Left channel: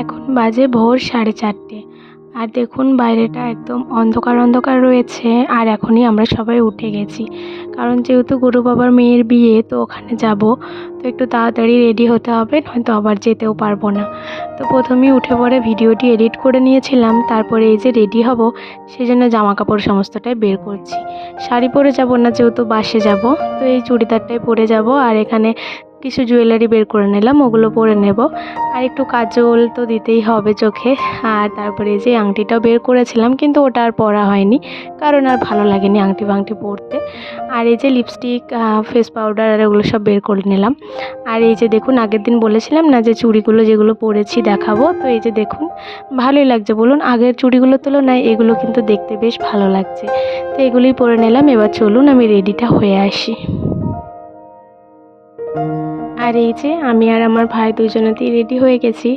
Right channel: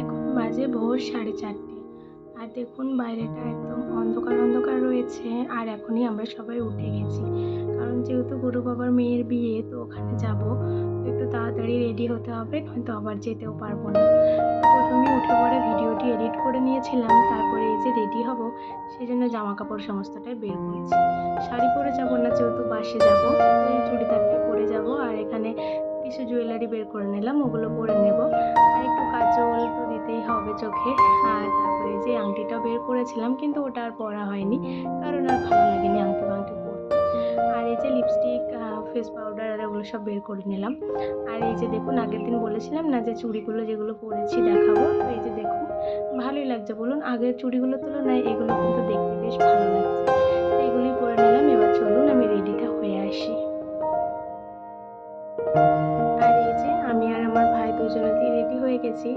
এখন বাজে ভোর 4:30। আর দেখুন বাইরেটা একদম অন্ধকার অন্ধকার রয়েছে। আর এখনই আমরা সবাই উঠে গেছি, কারণ যেহেতু গুরু বাবার মেয়ের বিয়ে, তো ওখানে যাব, তো একটু তাড়াতাড়ি রেডি হতে হবে, নয়তো আবার যেতেও পারবো না। তো প্রথমেই উঠে পড়ে ভিডিওটি এডিট করে নিয়েছিলাম, তারপরে এই যে রেডি হব, সেই জন্য জামা কাপড় সমস্তটাই বের করছি। শাড়ি পরে যাব না, যেহেতু বাসে যাব, তো এই চুড়িদারটাই পরে যাব। আর এখানে কিছু জুয়েলারি বের করে নিলাম, ওগুলো পরে নেব। আর একটু কাজল তো দিতেই হবে চোখে। আর তারপরে এই যে আংটিটাও বের করেছিলাম, কিন্তু ওটা আর পরা হয়নি, কারণ আর ভালো লাগেনি আংটি ফাংটি পরতে। আর এই যে লিপস্টিক, ফেস পাউডার আর ওগুলো সব বের করে নিলাম। আর এই যে দেখুন, আগের দিন বলেছিলাম না যে চুড়িগুলো যেগুলো পরেছি দেখাবো, তো এই যে দেখুন, ভালোই লাগছে বলুন। আগের চুড়িগুলোর তুলনায় এগুলো কিন্তু দেখতে বেশ ভালো লাগছে। তো এগুলোই পরে নিলাম। এবার চলুন আমি রেডিটা হয়ে আসি। আর এই যে আমি আর আমার ভাই দুজনেতেই রেডি হয়ে গেছি।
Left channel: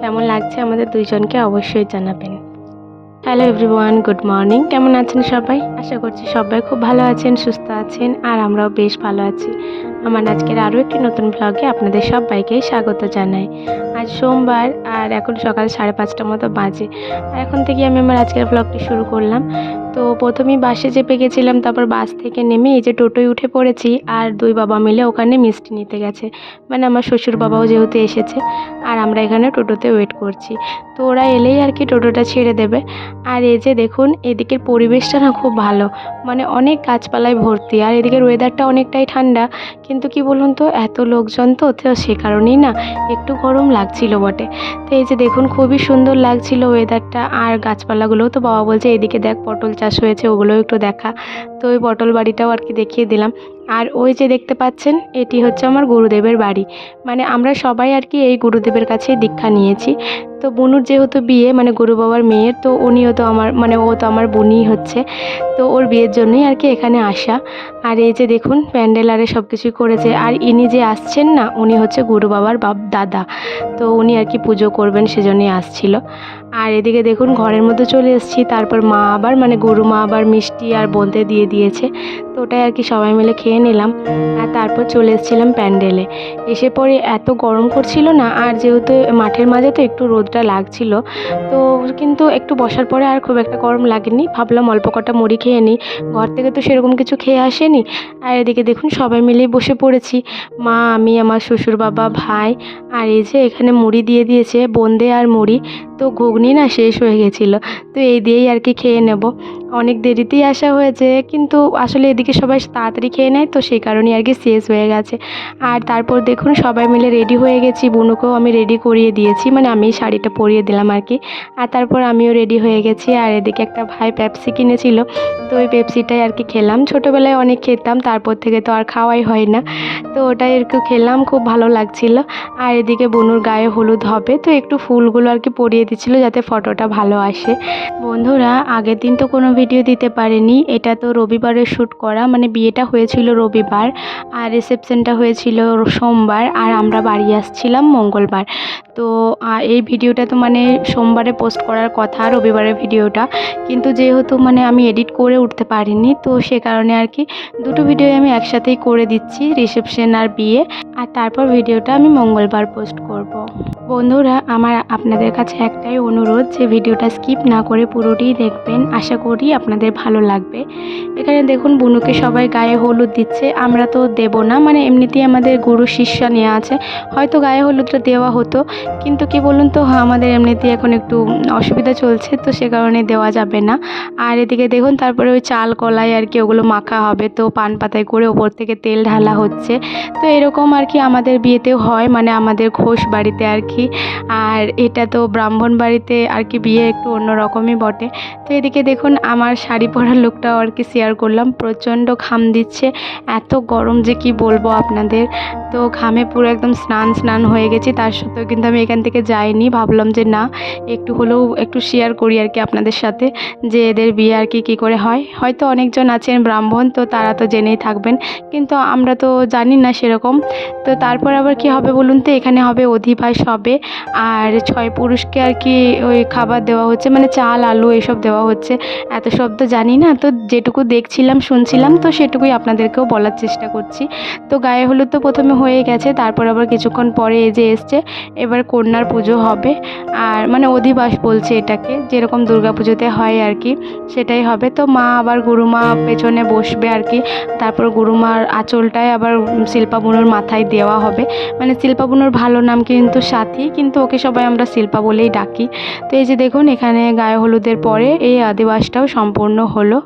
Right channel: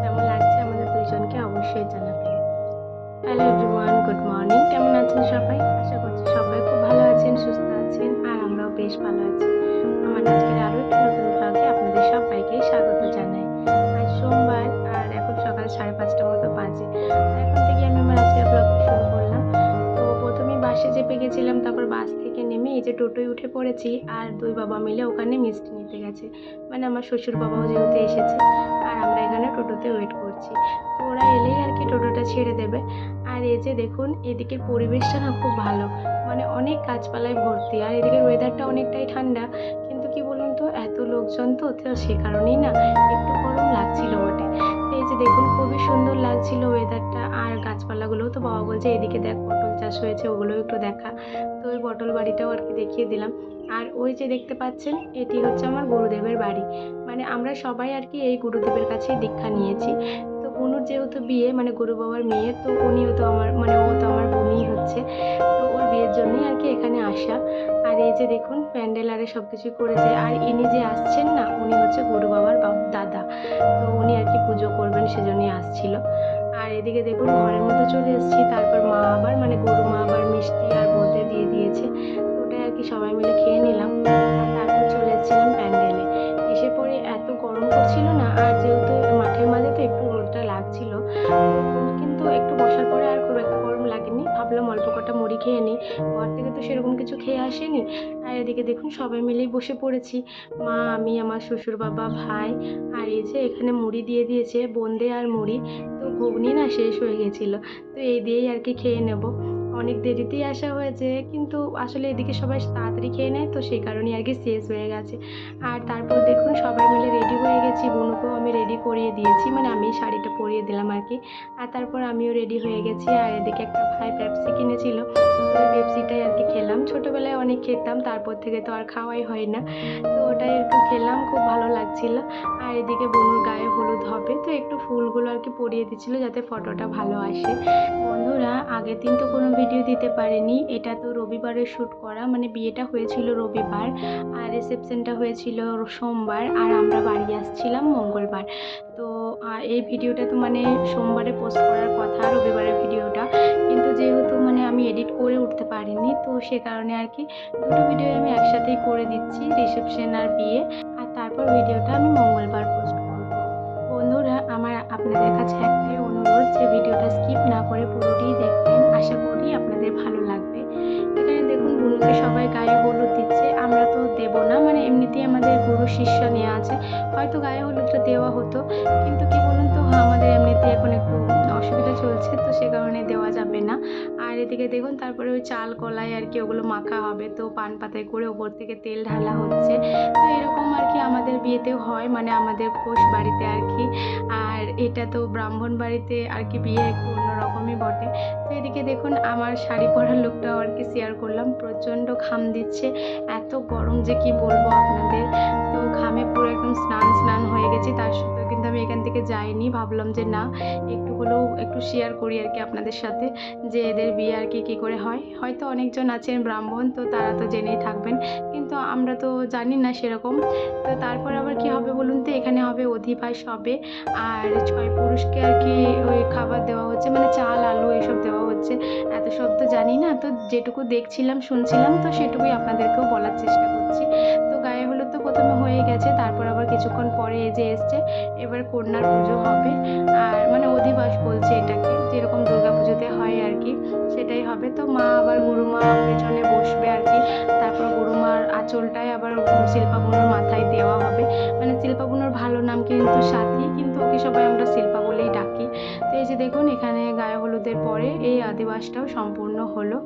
কেমন লাগছে আমাদের দুইজনকে অবশ্যই জানাবেন। Hello everyone, good morning. কেমন আছেন সবাই? আশা করছি সবাই খুব ভালো আছেন, সুস্থ আছেন, আর আমরাও বেশ ভালো আছি। আমার আজকের আরও একটি নতুন ব্লগে আপনাদের সবাইকে স্বাগত জানাই। আজ সোমবার, আর এখন সকাল 5:30 মতো বাজে। আর এখন থেকে আমি আমার আজকের ব্লগটি শুরু করলাম। তো প্রথমেই বাসে চেপে গেছিলাম, তারপর বাস থেকে নেমে এই যে টোটোয় উঠে পড়েছি। আর দুই বাবা মিলে ওখানে মিষ্টি নিতে গেছে, মানে আমার শ্বশুর বাবাও যেহেতু এসেছে, আর আমরা এখানে টোটোতে ওয়েট করছি। তো ওরা এলেই আর কি টোটোটা ছেড়ে দেবে। আর এই যে দেখুন, এদিকের পরিবেশটা না খুব ভালো, মানে অনেক গাছপালায় ভর্তি। আর এদিকের ওয়েদারটা অনেকটাই ঠান্ডা, কিন্তু কি বলুন তো, এত লোকজন তো সে কারণেই না একটু গরম লাগছিল বটে। তো এই যে দেখুন, খুবই সুন্দর লাগছিল ওয়েদারটা। আর গাছপালাগুলোও তো বাবা বলছে এদিকে দেখ পটল চাষ হয়েছে, ওগুলোও একটু দেখা। তো ওই পটল বাড়িটাও আর কি দেখিয়ে দিলাম। আর ওই যে দেখতে পাচ্ছেন, এটি হচ্ছে আমার গুরুদেবের বাড়ি। মানে আমরা সবাই আর কি এই গুরুদেবের কাছেই দীক্ষা নিয়েছি। তো বুনুর যেহেতু বিয়ে, মানে গুরু বাবার মেয়ের, তো উনিও তো আমার, মানে ও তো আমার বোনই হচ্ছে। তো ওর বিয়ের জন্যই আর কি এখানে আসা। আর এই যে দেখুন, প্যান্ডেল আরে সব কিছুই করেছে। আর ইনি যে আসছেন না, উনি হচ্ছে গুরু বাবার দাদা। তো উনি আর কি পুজো করবেন, সেজন্যই আসছিল। আর এদিকে দেখুন, ঘরের মধ্যে চলে এসেছি। তারপর মা আবার, মানে গুরু মা আবার মিষ্টি আর বোঁদে দিয়ে দিয়েছে। তো ওটাই আর কি সবাই মিলে খেয়ে নিলাম। আর তারপর চলে এসেছিলাম প্যান্ডেলে। এসে পরে এত গরম করছিল না, আর যেহেতু মাঠের মাঝে তো একটু রোদটা লাগছিল, তো কিন্তু একটু বসার পরে আর খুব একটা গরম লাগেনি। ভাবলাম অল্প কটা মুড়ি খেয়ে নিই, ঘর থেকে তো সেরকম কিছু খেয়ে আসেনি। আর এদিকে দেখুন, সবাই মিলেই বসে পড়েছি, মা, আমি, আমার শ্বশুর বাবা, ভাই। আর এই যে এখানে মুড়ি দিয়ে দিয়েছে, বোঁদে আর মুড়ি। তো ঘুগনি না শেষ হয়ে গেছিলো, তো এই দিয়েই আর কি খেয়ে নেব। অনেক দেরিতেই আসা হয়েছে, কিন্তু আসলে এদিকে সবাই তাড়াতাড়ি খেয়ে নেয়, তো সেই কারণেই আর কি শেষ হয়ে গেছে। আর তারপর দেখুন, সবাই মিলে রেডি হয়ে গেছি। বুনুকেও আমি রেডি করিয়ে দিয়েছি, মানে আমি শাড়িটা পরিয়ে দিলাম আর কি। আর তারপর আমিও রেডি হয়ে গেছি। আর এদিকে একটা ভাই পেপসি কিনেছিল, তো ওই পেপসিটাই আর কি খেলাম। ছোটোবেলায় অনেক খেতাম, তারপর থেকে তো আর খাওয়াই হয় না, তো ওটাই একটু খেলাম, খুব ভালো লাগছিল। আর এদিকে বুনুর গায়ে হলুদ হবে, তো একটু ফুলগুলো আর কি পরিয়ে দিচ্ছিল, যাতে ফটোটা ভালো আসে। বন্ধুরা, আগের দিন তো কোনো ভিডিও দিতে পারেনি, এটা তো রবিবারে শ্যুট করা, মানে বিয়েটা হয়েছিল রবিবার, আর রিসেপশনটা হয়েছিল সোমবার, আর আমরা বাড়ি আসছিলাম মঙ্গলবার। তো এই ভিডিওটা তো মানে সোমবারে পোস্ট করার কথা, রবিবারের ভিডিওটা, কিন্তু যেহেতু মানে আমি এডিট করে উঠতে পারিনি, তো সে কারণে আর কি দুটো ভিডিও আমি একসাথেই করে দিচ্ছি, রিসেপশন আর বিয়ে। আর তারপর ভিডিওটা আমি মঙ্গলবার পোস্ট করব। বন্ধুরা, আমার আপনাদের কাছে একটাই অনুরোধ, যে ভিডিওটা স্কিপ না করে পুরোটিই দেখবেন, আশা করি আপনাদের ভালো লাগবে। এখানে দেখুন, বুনুকে সবাই গায়ে হলুদ দিচ্ছে, আমরা তো দেব না, মানে এমনিতেই আমাদের গুরু শিষ্য নেওয়া আছে, হয়তো গায়ে হলুদটা দেওয়া হতো, কিন্তু কি বলুন তো, আমাদের এমনিতেই এখন একটু অসুবিধা চলছে, তো সে কারণে দেওয়া যাবে না। আর এদিকে দেখুন, তারপরে ওই চাল কলাই আর কি ওগুলো মাখা হবে, তো পান পাতায় করে ওপর থেকে তেল ঢালা হচ্ছে। তো এরকম আর কি আমাদের বিয়েতেও হয়, মানে আমাদের ঘোষ বাড়িতে আর কি। আর এটা তো ব্রাহ্মণ বাড়িতে আর কি বিয়ে একটু অন্যরকমই বটে। তো এদিকে দেখুন, আমার শাড়ি পরার লুকটাও আর কি শেয়ার করলাম। প্রচণ্ড ঘাম দিচ্ছে, এত গরম যে কি বলবো আপনাদের। তো ঘামে পুরো একদম স্নান হয়ে গেছি, তার সত্ত্বেও কিন্তু আমি এখান থেকে যাইনি। ভাবলাম যে না, একটু হলেও একটু শেয়ার করি আর কি আপনাদের সাথে, যে এদের বিয়ে আর কি কী করে হয়। হয়তো অনেকজন আছেন ব্রাহ্মণ, তো তারা তো জেনেই থাকবেন, কিন্তু আমরা তো জানি না সেরকম। তো তারপর আবার কি হবে বলুন তো, এখানে হবে অধিবাস হবে, আর 6 পুরুষকে আর কি ওই খাবার দেওয়া হচ্ছে, মানে চাল আলু এসব দেওয়া হচ্ছে। এত সব তো জানি না, তো যেটুকু দেখছিলাম শুনছিলাম, তো সেটুকুই আপনাদেরকেও বলার চেষ্টা করছি। তো গায়ে হলুদ তো প্রথমে হয়ে গেছে। তারপর আবার কিছুক্ষণ পরে এই যে এসছে, এবার কন্যার পুজো হবে। আর মানে অধিবাস বলছে এটাকে, যেরকম দুর্গা পুজোতে হয় আর কি, সেটাই হবে। তো মা আবার গুরুমা পেছনে বসবে আর কি। তারপর গুরুমার আঁচলটায় আবার শিল্পা বুনুর মাথায় দেওয়া হবে। মানে শিল্পা বুনুর ভালো নাম কিন্তু সাথী, কিন্তু ওকে সবাই আমরা শিল্পা বলেই ডাকি। তো এই যে দেখুন, এখানে গায়ে হলুদের পরে এই আদিবাসটাও সম্পূর্ণ হলো।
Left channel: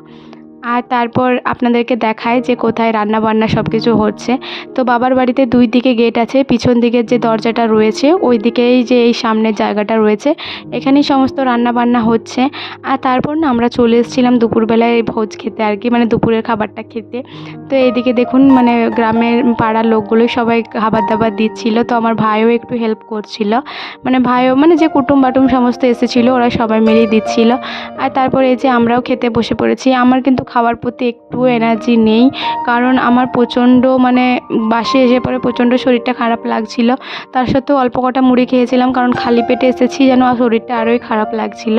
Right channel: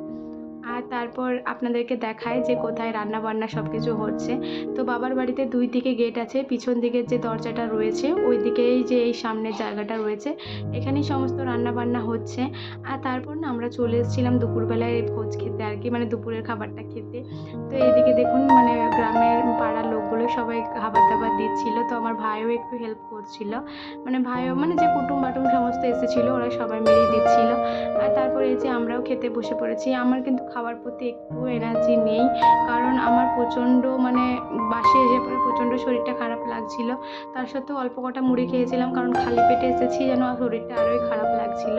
আর তারপর আপনাদেরকে দেখায় যে কোথায় রান্না বান্না সব কিছু হচ্ছে। তো বাবার বাড়িতে 2 দিকে গেট আছে, পিছন দিকের যে দরজাটা রয়েছে ওই দিকেই যে এই সামনের জায়গাটা রয়েছে, এখানেই সমস্ত রান্না বান্না হচ্ছে। আর তারপর না আমরা চলে এসেছিলাম দুপুরবেলায় ভোজ খেতে আর কি, মানে দুপুরের খাবারটা খেতে। তো এইদিকে দেখুন মানে গ্রামের পাড়ার লোকগুলোই সবাই খাবার দাবার দিচ্ছিল। তো আমার ভাইও একটু হেল্প করছিল, মানে ভাইও মানে যে কুটুম বাটুম সমস্ত এসেছিলো ওরা সবাই মিলেই দিচ্ছিল। আর তারপরে এই যে আমরাও খেতে বসে পড়েছি। আমার কিন্তু খাওয়ার প্রতি একটু এনার্জি নেই, কারণ আমার প্রচণ্ড মানে বাসে এসে পরে প্রচণ্ড শরীরটা খারাপ লাগছিল। তার সত্ত্বেও অল্প কটা মুড়ি খেয়েছিলাম, কারণ খালি পেটে এসেছি, যেন শরীরটা আরোই খারাপ লাগছিল।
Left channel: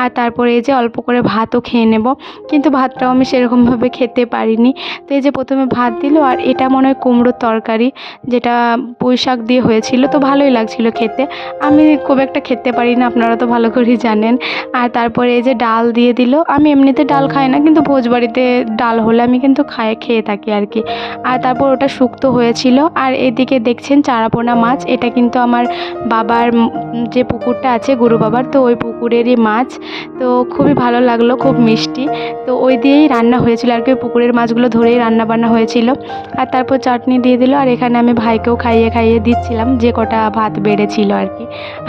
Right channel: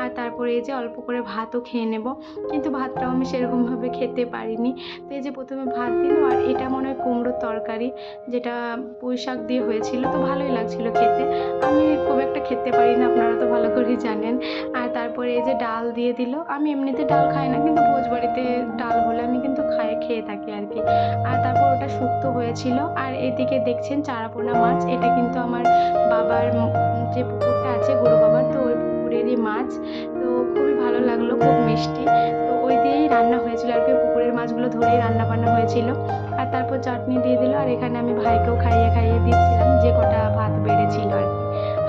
আর তারপরে এই যে অল্প করে ভাতও খেয়ে নেব, কিন্তু ভাতটাও আমি সেরকমভাবে খেতে পারিনি। তো এই যে প্রথমে ভাত দিল, আর এটা মনে হয় কুমড়োর তরকারি, যেটা পুঁই শাক দিয়ে হয়েছিল, তো ভালোই লাগছিল খেতে। আমি খুব একটা খেতে পারি না, আপনারা তো ভালো করেই জানেন। আর তারপরে এই যে ডাল দিয়ে দিল। আমি এমনিতে ডাল খাই না, কিন্তু ভোজবাড়িতে ডাল হলে আমি কিন্তু খেয়ে থাকি আর কি। আর তারপর ওটা শুক্তো হয়েছিল। আর এদিকে দেখছেন চারাপোনা মাছ, এটা কিন্তু আমার বাবার যে পুকুরটা আছে গুরু বাবার, তো ওই পুকুরেরই মাছ। তো খুবই ভালো লাগলো, খুব মিষ্টি। তো ওই দিয়েই রান্না হয়েছিল আর কি, পুকুরের মাছগুলো ধরেই রান্না বান্না হয়েছিল। আর তারপর চাটনি দিয়ে দিল। আর এখানে আমি ভাইকেও খাইয়ে দিচ্ছিলাম যে কটা ভাত বেড়েছিল আর কি।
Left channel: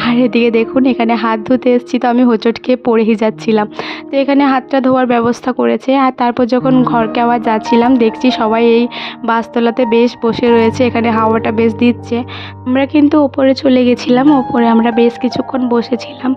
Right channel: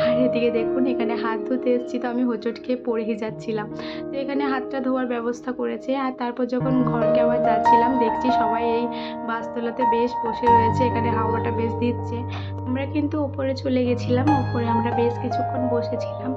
আর এদিকে দেখুন, এখানে হাত ধুতে এসেছি, তো আমি হোঁচট খেয়ে পড়েই যাচ্ছিলাম। তো এখানে হাতটা ধোয়ার ব্যবস্থা করেছে। আর তারপর যখন ঘরকে আবার যাচ্ছিলাম, দেখছি সবাই এই বাসতলাতে বেশ বসে রয়েছে, এখানে হাওয়াটা বেশ দিচ্ছে। আমরা কিন্তু ওপরে চলে গেছিলাম, ওপরে আমরা বেশ কিছুক্ষণ বসেছিলাম।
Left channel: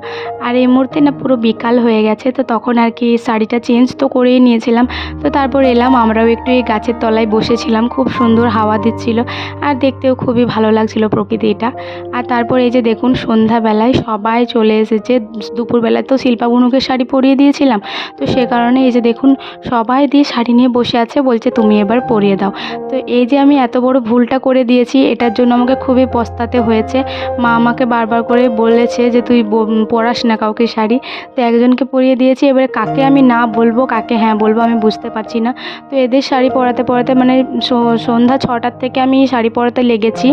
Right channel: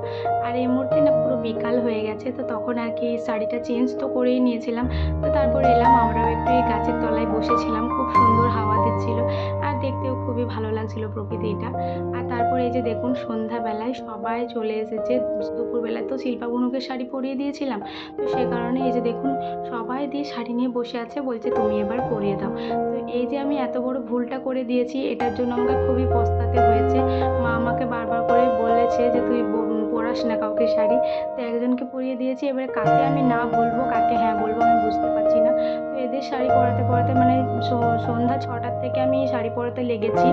আর এই মুহূর্তে না পুরো বিকাল হয়ে গেছে, তো তখন আর কি শাড়িটা চেঞ্জ তো করেই নিয়েছিলাম। তো তারপর এলাম, আমরাও একটু এই গাছের তলায় বসেছিলাম, খুব সুন্দর হাওয়া দিচ্ছিল, আর দেখতেও খুবই ভালো লাগছিল প্রকৃতিটা। আর তারপর এই যে দেখুন, সন্ধ্যাবেলায় সবাই চলে এসেছে। দুপুরবেলায় তো শিল্পা বুনুকে শাড়ি পরিয়ে দিয়েছিলাম, তো সে কারণে এই যে দেখুন সবাই দিয়ে শাড়ি নিয়ে বসে আছে, বলছে তুমি এবার পরিয়ে দাও। তো এই যে আমি এত বড় ভুলটা করে দিয়েছি, এটার জন্য আমাকে খুবই পস্তাতে হয়েছে। মা আমাকে বারবার করে বলেছে যে তুই পরাস না কাউকে শাড়ি। তো একজনকে পরিয়ে দিয়েছি, এবারে কাকে আমি না বলবো কাকে হ্যাঁ বলবো আমি বুঝতে পারছি না। তো এদের শাড়ি পরাতে পরাতে মানে সন্ধ্যা 6টার থেকে আমি শাড়ি পরাতে লেগেছি,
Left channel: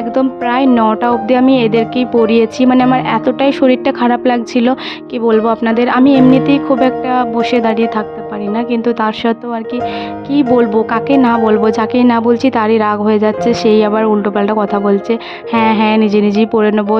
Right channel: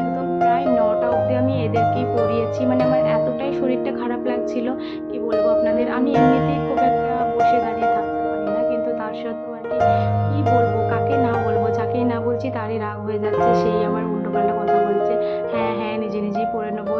একদম প্রায় 9টা অবধি আমি এদেরকেই পরিয়েছি। মানে আমার এতটাই শরীরটা খারাপ লাগছিল, কি বলবো আপনাদের। আমি এমনিতেই খুব একটা বসে দাঁড়িয়ে থাকতে পারি না, কিন্তু তার সত্ত্বেও আর কি বলবো, কাকে না বলবো, যাকেই না বলছি তারই রাগ হয়ে যাচ্ছে, সেই আবার উল্টোপাল্টা কথা বলছে। হ্যাঁ হ্যাঁ, নিজেই পরে নেবো,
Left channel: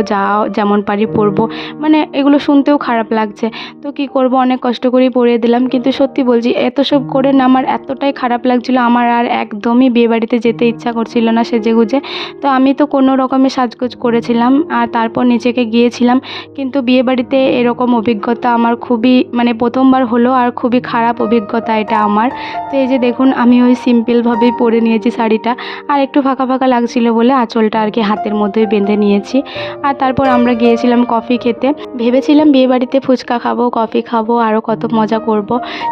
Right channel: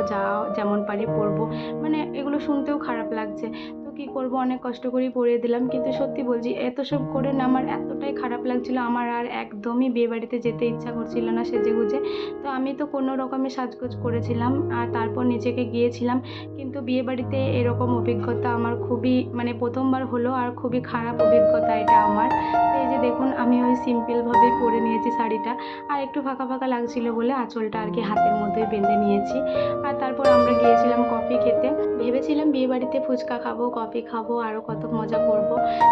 যেমন পারি পরবো। মানে এগুলো শুনতেও খারাপ লাগছে। তো কি করব, অনেক কষ্ট করেই পরিয়ে দিলাম। কিন্তু সত্যি বলছি, এত সব করে না আমার এতটাই খারাপ লাগছিল, আমার আর একদমই বিয়েবাড়িতে যেতে ইচ্ছা করছিল না সেজেগুজে। তো আমি তো কোনো রকমে সাজগোজ করেছিলাম, আর তারপর নিচেকে গিয়েছিলাম। কিন্তু বিয়েবাড়িতে এরকম অভিজ্ঞতা আমার খুবই মানে প্রথমবার হলো, আর খুবই খারাপ অভিজ্ঞতা এটা আমার। তো এই যে দেখুন, আমি ওই সিম্পলভাবেই পরে নিয়েছি শাড়িটা, আর একটু ফাঁকা ফাঁকা লাগছিল বলে আঁচলটা আর কি হাতের মধ্যেই বেঁধে নিয়েছি। আর তারপর আমরা গিয়েছিলাম কফি খেতে। ভেবেছিলাম বিয়েবাড়িতে ফুচকা খাবো, কফি খাবো, আরও কত মজা করব,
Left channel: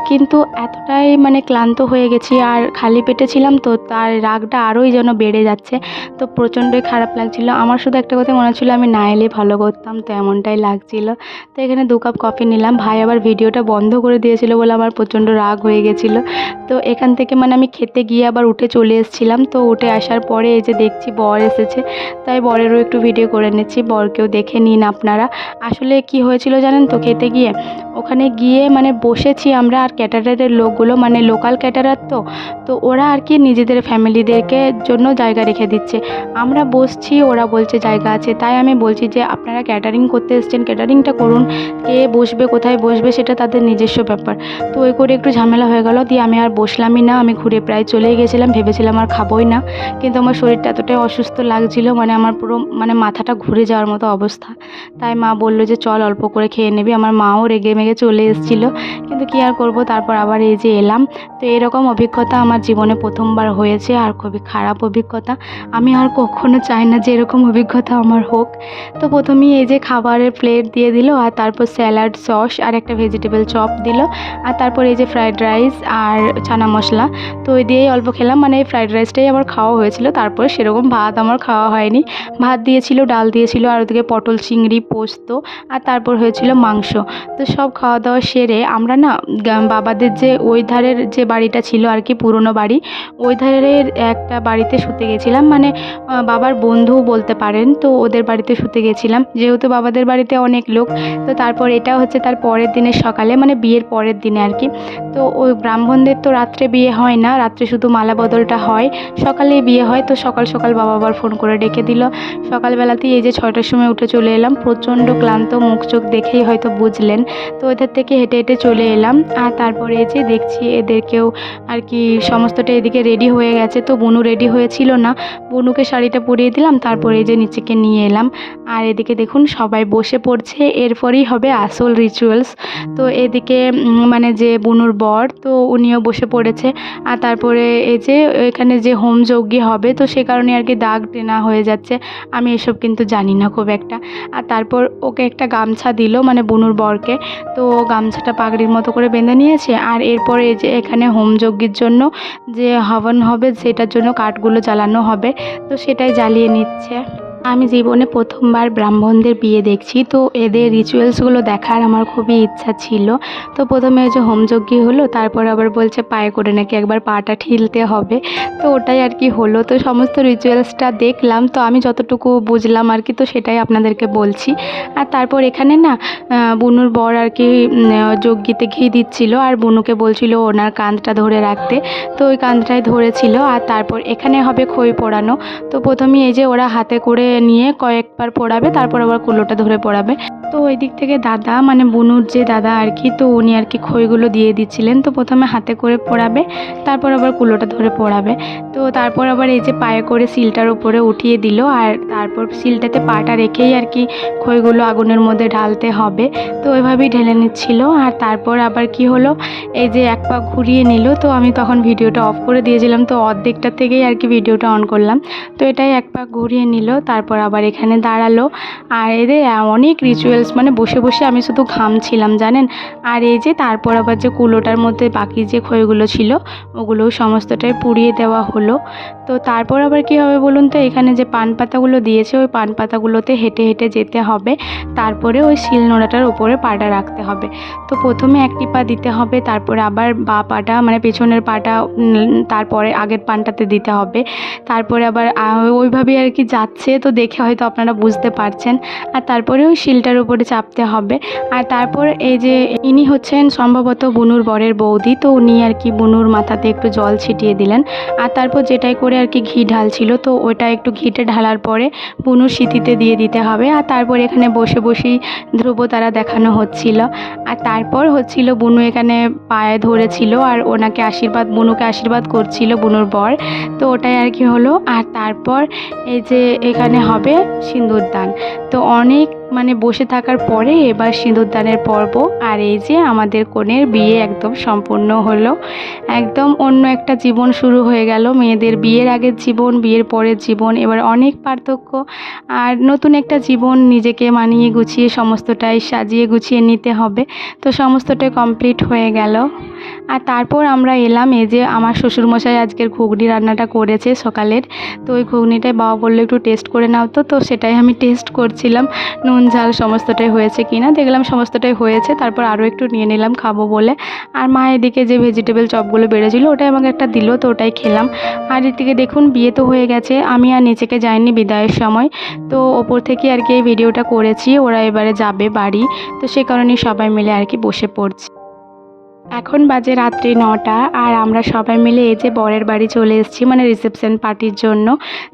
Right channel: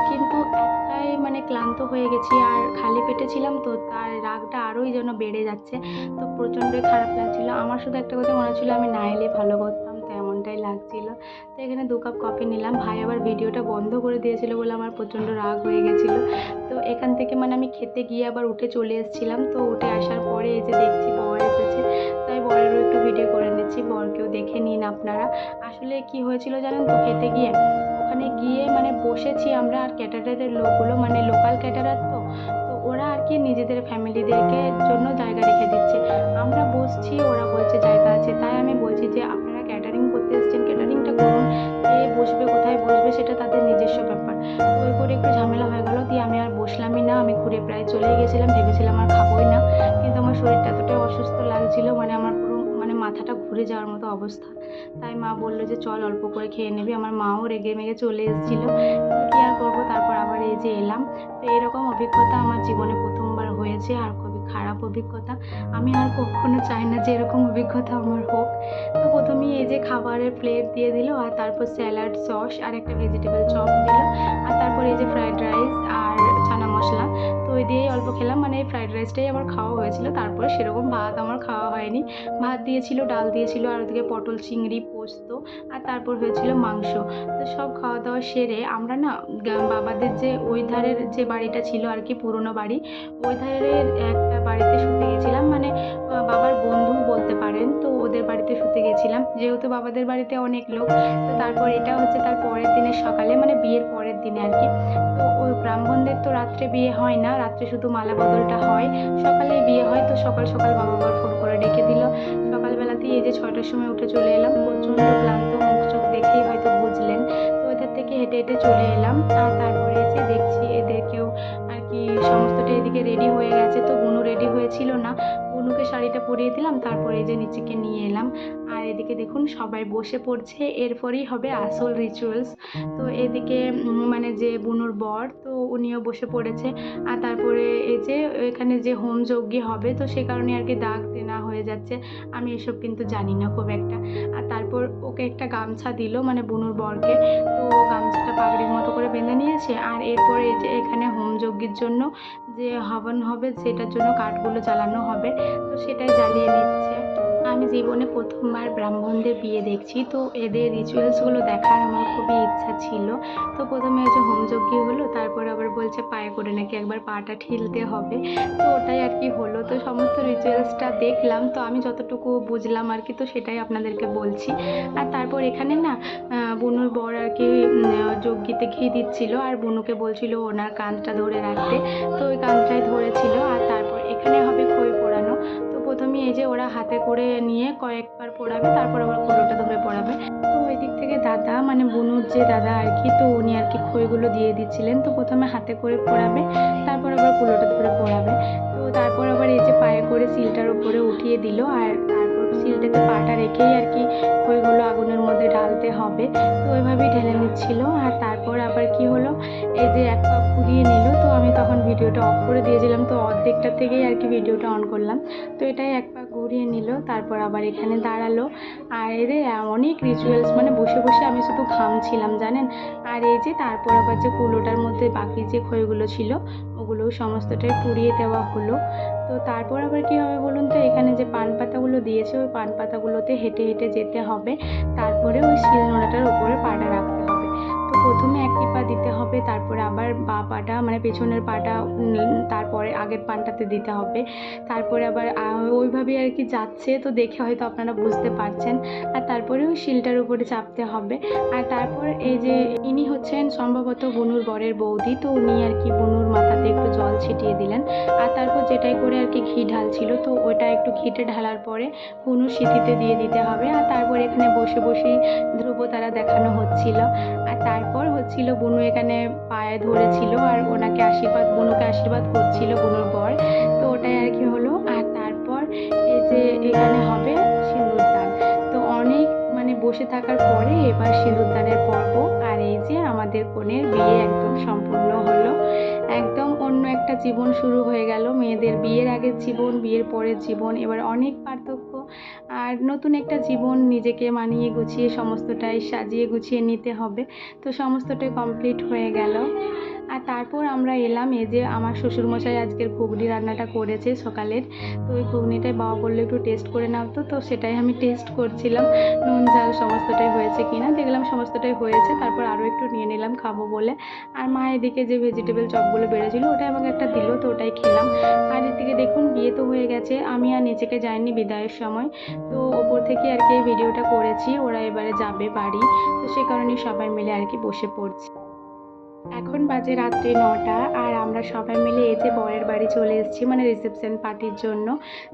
কিন্তু এতটাই মানে ক্লান্ত হয়ে গেছি, আর খালি পেটে ছিলাম, তো তার রাগটা আরোই যেন বেড়ে যাচ্ছে। তো প্রচণ্ডই খারাপ লাগছিল। আমার শুধু একটা কথা মনে হচ্ছিলো আমি না এলে ভালো করতাম, তো এমনটাই লাগছিল। তো এখানে 2 কাপ কফি নিলাম। ভাই আবার ভিডিওটা বন্ধ করে দিয়েছিল বলে আমার প্রচণ্ড রাগ হয়ে গেছিলো। তো এখান থেকে মানে আমি খেতে গিয়ে আবার উঠে চলে এসেছিলাম। তো উঠে আসার পরে এই যে দেখছি বর এসেছে, তাই বরেরও একটু ভিডিও করে নিচ্ছি, বরকেও দেখে নিন আপনারা। আসলে কি হয়েছিল জানেন তো, খেতে গিয়ে ওখানে গিয়ে মানে বসেছি আমরা, আর ক্যাটারারের লোকগুলো মানে লোকাল ক্যাটারার, তো ওরা আর কি নিজেদের ফ্যামিলিদেরকে জন্য জায়গা রেখে দিচ্ছে। আমরা বসছি, ওরা বলছে জায়গা আছে। তাই আমি বলছি যে আপনারা ক্যাটারিং করতে এসেছেন, ক্যাটারিংটা করুন, কে বসবে কোথায় বসবে সেটা তাদের নিজস্ব ব্যাপার। তো ওই করে একটু ঝামেলা হয়ে গেল, দিয়ে আমি আর বসলামই না, আমি ঘুরে প্রায় চলেই গেছিলাম, ভেবেছিলাম আর খাবোই না। কিন্তু আমার শরীরটা এতটাই অসুস্থ লাগছিল, মানে আমার পুরো মানে মাথাটা ঘুরে যাওয়ার মতো অবস্থা। তাই মা বললো যে চল অল্প করে খেয়ে নিবি। আমার মাও রেগে মেগে চলে এসেছিলো, কিন্তু কী আর করবো, তারপর আবার এই যে এলাম। তো এরকম অভিজ্ঞতা আমার জীবনে প্রথমবার হয়েছে, আর খুবই খারাপ অভিজ্ঞতা। আমি আর কখনো চাই না যে এরকম অভিজ্ঞতা আমার হোক। তো প্রথমেই এই যে খাবারের প্লেট দিয়ে দিল, আর তারপর স্যালাড, সস আর একটা ভেজিটেবল চপ দিল, আর তারপর এই যে ফ্রাইড রাইস আর চানা মশলা। তো ওই দিয়েই অল্প খেলাম, মানে এই ফ্রাইড রাইসটাই আমার খাওয়া হয়েছিল। তারপরে সেরকম ভাত আমার খাওয়া হয়নি। ভাত দিয়েছিল, ডাল দিয়েছিল, আর ওদিকে পটল চিংড়ি পোস্ত, আর তারপর হয়েছিল মাংস। তো সব খাওয়া দাওয়া সেরে আমরা না বাবাদের যে ওই ধারের যে বাড়িটা ছিল আর কি, পুরনো বাড়ি, ওই ধারের একটা বাড়িতে শুতে গেছিলাম, মানে বাবার বন্ধু বলতে পারেন। তো ওদের বাড়িতে শুতে গেছিলাম, যেহেতু বাবাদের বাড়িতে অনেক লোক। তো তারপর এটা হচ্ছে তার পরের দিনের সকালে, মানে বিয়ের পরের দিনে আর কি। তো ওই ব্রাহ্মণদের তো রাত্রে বিয়ে হয় না, রাত্রে শুধু মালা বদলটা হয়, সকালেই বিয়ে হয়। তো সকাল সকাল বাবা আবার ফোন করে ডেকে দিল। সকালবেলাতেই এই যে 6টার সময় উঠে চলে এলাম, প্রচণ্ড ক্লান্ত, মুখ চোখ দেখেই হয়তো বুঝলেন। তো ওদের থেকে হেঁটে হেঁটে চলে এলাম, আর তারপরে এই যে দেখছি এদেরকেও আর কি সমস্তটা এদিকে রেডি হয়ে গেছে। তো বুনু রেডি হয়েছিল না, বুনুকে শাড়িটা পরিয়ে দিলাম, তারপরে এই যে নিচেকে নিয়ে এলাম। আর এদিকে দেখুন সবাই বসে পড়ছে, এরপরেই হবে আসল রিচুয়ালস। তো এদিকে মানে যে বুনুর বর, তো উনিও বসে পড়েছে। আর তারপরে এই যে এখানে যে হোম যজ্ঞ হবে, তো সে কারণে আর কি দাগ টেনা হয়ে যাচ্ছে। আমি এসব কিন্তু জানি না খুব একটা। আর তারপর ওকে একটা গামছা দিল, মানে বুনুর বরকে। তো গামছাটা পাগড়ির মতো করে বেঁধে নিয়েছে। আর এরপরে এই যে এখানে হোম যজ্ঞের জন্য যে হবন হবে, সেটার জন্য কাঠগুলো জ্বালানো হবে, তো সেটাই জ্বালিয়ে নিচ্ছে। আমি জীবনে প্রথমবার ব্রাহ্মণদের বিয়ে দেখছি, তো এদের রিচুয়ালসগুলো দেখার আমার খুবই ইচ্ছা ছিল। তো প্রথমে ওই যে হোমযজ্ঞ হলো, তারপর আবার বলছে পায়ে করে নাকি একবার পাটা ঠিলতে হবে। তো ওটাই আর কি হলো। তো সমস্ত রিচুয়ালসটা দেখলাম, তো আমি যতটুকু বুঝলাম আর কি, তো সেটাই আপনাদেরকে বলছি। আর তারপর এখানে না বুনুর বর আর কি যজ্ঞিতে ঘি দিচ্ছিল, আর বুনুকে বলছিল ওনার কাঁধটা ধরে রাখতে। তো ওই কাঁধটাই ধরেছিল। আর তারপর এখানে হবে খই পোড়ানো। তো প্রথমেই এই যে ওরা হাতে করে নিয়ে কয়েকবার পোড়াবে, তারপর আবার কুলোটা ধরে পোড়াবে। তো ওই দিক থেকে দাদা, মানে বুনুর যে দাদা আর কি, তো উনি আর কি খইগুলো দিয়ে দিচ্ছিলেন। তো প্রথমে হাতে করে পোড়াবে, তারপর আবার কুলোটা ধরে পোড়াবে। তো তারপর আবার এই যে পায়ে করে শিলটার উপরে উঠিয়ে দিল, আর তারপর শিলটাতে পাটা রেখেই আর কি খইগুলো আগুনের মধ্যে ঢালতে হবে। তো ওইভাবেই ঢেলে নিচ্ছিল। আর তারপর আবার কি হলো, এই যে এক পা ঘুরিয়ে নিল। তো আমি তখন ভিডিওটা অফ করে দিয়েছিলাম, তো অর্ধেকটা থেকেই আর কি ভিডিওটা অন করলাম। তো এটাই এক পা ঘুরিয়ে নিল, তারপর আবার এখানে দাঁড়ালো। আর এদের অনেক রিচুয়ালস, মানে বসে বসে আমি শুধু ঘামছিলাম জানেন। আর এই যে তারপর আবার যে কুলোটার মধ্যে বাকি যে খইগুলো ছিল, ওগুলোও সমস্তটাই পুড়িয়ে দেওয়া হলো। তো তারপর আবার কী হবে বলুন তো, এখানে যে পান পাতাগুলো দিয়েছে, ওই পান পাতাগুলোতে হেঁটে হেঁটে যেতে হবে। তারপরে ওই শিলনোড়াটার উপরে পাটা রাখতে হবে। তো প্রথমে একটি পা দিতে হবে, তারপরে আবার বা পাটা, মানে পেছনের পাটা তারপরে আগের পানটাতে দিতে হবে। তারপরে আবার ওইভাবেই আর কি যাচ্ছে, তো দেখে হয়তো আপনারা বুঝতে পারছেন। আর তারপরে ওই শিলটার উপরে চাপতে হবে। আর তারপর এই যে ইনি হচ্ছেন সম্ভবত বুনুর বরের বৌদি, তো উনি আর কি বুনুর মাথাতে একটু জল ছিটিয়ে দিলেন। আর তারপর যেটাই করে আর কি ঘি ঢালছিল, তো ওটা একটু ঘিটে ঢালার পরে বুনুর সিঁথিতে দিয়ে দিতে হবে। আর তারপর এখানে বসে বসেই ধ্রুবতারা দেখানো হচ্ছিল। আর তারপর হচ্ছিল বুনু এখানে পায়ে ধরেছিল, আর ওনাকে আশীর্বাদ, বুনুকে আশীর্বাদ করছিল বুনুর বর। তো ওটাই আর কি হলো। আর তারপর এই যে এখানে হবে সিঁদুরদান। তো অনেক মানে বসে থাকার পরে এবার সিঁদুরদানের পর্ব। আর এই যে আমাদের কনের বিয়ে একদম সম্পূর্ণ হলো। একদম অন্য একটা জীবন শুরু হয়ে গেল। মেয়েদের বিয়ের আগের জীবন, বিয়ের পরের জীবন, এবার অনেক পার্থক্য। আর নতুন একটা জীবন, নিজেকে মানিয়ে গুছিয়ে সমস্তটাই সাজিয়ে গুছিয়ে নিতে হবে। তো সমস্তটাই কমপ্লিট হয়ে গেল। আর তারপর আমরা এলাম, এই যে আমার শ্বশুরমশাই আজকের ঘুগনি রান্নাটা করেছে সকালের। তো ওই ঘুগনিটাই বাবা বললো একটু টেস্ট করে নাও। তো সেটাই আমি টেস্ট করছিলাম, নুন ঝাল সমস্তটাই হয়েছে কিনা। দেখলাম সমস্তটাই হয়েছে, তারপর আরও একটু নিয়ে নিলাম খাবো বলে। আর মা এদিকে যে ভেজিটেবল চপগুলো বেড়েছিলো, ওটাই আমাকে একটা দিল, তো ওটাই খেলাম। আর এদিকে দেখুন বিয়ে তো হয়ে গেছে, আমি আর নিচেকে যাইনি বিদায়ের সময়। তো ওপর থেকে আর কি এই ভিডিওটা করেছি। ওরা এবারে যাবে বাড়ি, তো সে কারণেই সবাই মিলে আর কি বসে পড়ছি। এখন বাজে রাত্রি 9টা, আর আমরা সবাই মিলে এই যে বরের বাড়ি চলে এসেছি, মানে রিসেপশন পার্টির জন্য।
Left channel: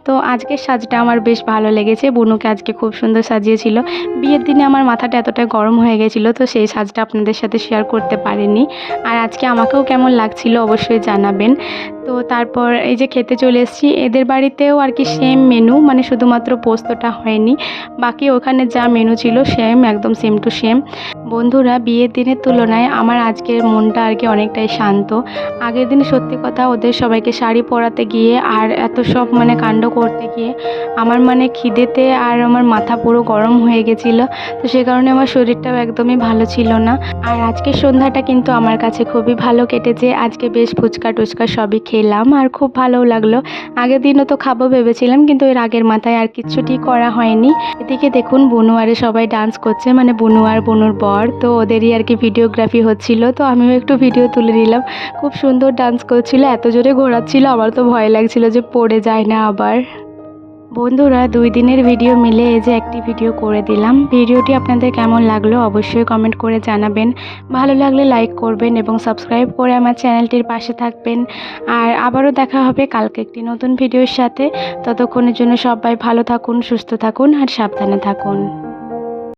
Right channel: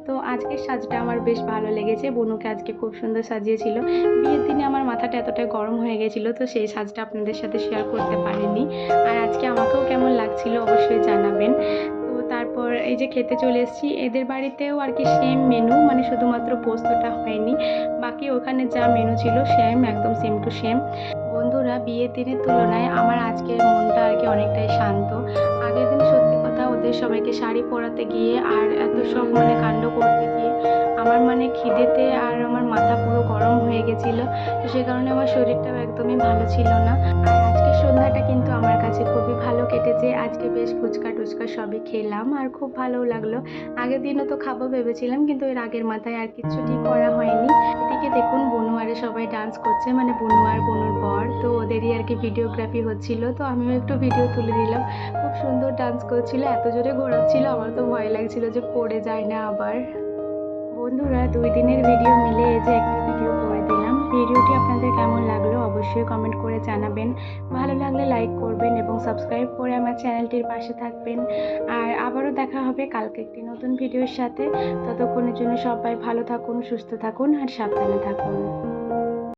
তো আজকের সাজটা আমার বেশ ভালো লেগেছে, বুনুকে আজকে খুব সুন্দর সাজিয়েছিল। বিয়ের দিনে আমার মাথাটা এতটাই গরম হয়ে গেছিলো, তো সেই সাজটা আপনাদের সাথে শেয়ার করতে পারিনি। আর আজকে আমাকেও কেমন লাগছিল অবশ্যই জানাবেন। তো তো তারপর এই যে খেতে চলে এসেছি। এদের বাড়িতেও আর কি সেম মেনু, মানে শুধুমাত্র পোস্তটা হয়নি, বাকি ওখানে যা মেনু ছিল সেম, একদম সেম টু সেম। বন্ধুরা, বিয়ের দিনের তুলনায় আমার আজকের মনটা আর কি অনেকটাই শান্ত। আগের দিন সত্যি কথা ওদের সবাইকে শাড়ি পরাতে গিয়ে আর এত সব মানে কাণ্ড করতে গিয়ে আমার মানে খিদেতে আর আমার মাথা পুরো গরম হয়ে গেছিলো। তো সে কারণে আমার শরীরটাও একদমই ভালো ছিল না। আর আজকের সন্ধ্যাটা কিন্তু আমার কাছে খুবই ভালো কেটেছে। আজকে বেশ ফুচকা টুচকা সবই খেলাম আর খুব ভালোও লাগলো। আগের দিনও তো খাবো ভেবেছিলাম, কিন্তু এর আগের মাথায় আর কিচ্ছুটি করা হয়নি। এদিকে দেখুন বুনু আরে সবাই ডান্স করছে, মানে বুনু আর বুনুর বর, তো ওদেরই আর কি ভিডিওগ্রাফি হচ্ছিল। তো আমিও একটু ভিডিও তুলে নিলাম। খুব সুন্দর ডান্স করছিল, এত জোরে ঘোরাচ্ছিল, আমার তো ভয় লাগছিল যে পড়ে যায় না আবার। বন্ধুরা, 2 দিনের ভিডিও মিলে এই যে একটি ভিডিও করে দিলাম। ভিডিওটি আপনাদের কেমন লাগলো অবশ্যই কমেন্ট করে জানাবেন। ভালো লাগলে লাইক করবেন এবং সাবস্ক্রাইব করে আমার চ্যানেলটির পাশে থাকবেন। আর আবারও দেখা হবে কালকে একটি নতুন ভিডিওর সাথে। ততক্ষণের জন্য সবাই ভালো থাকুন, সুস্থ থাকুন আর সাবধানে থাকুন।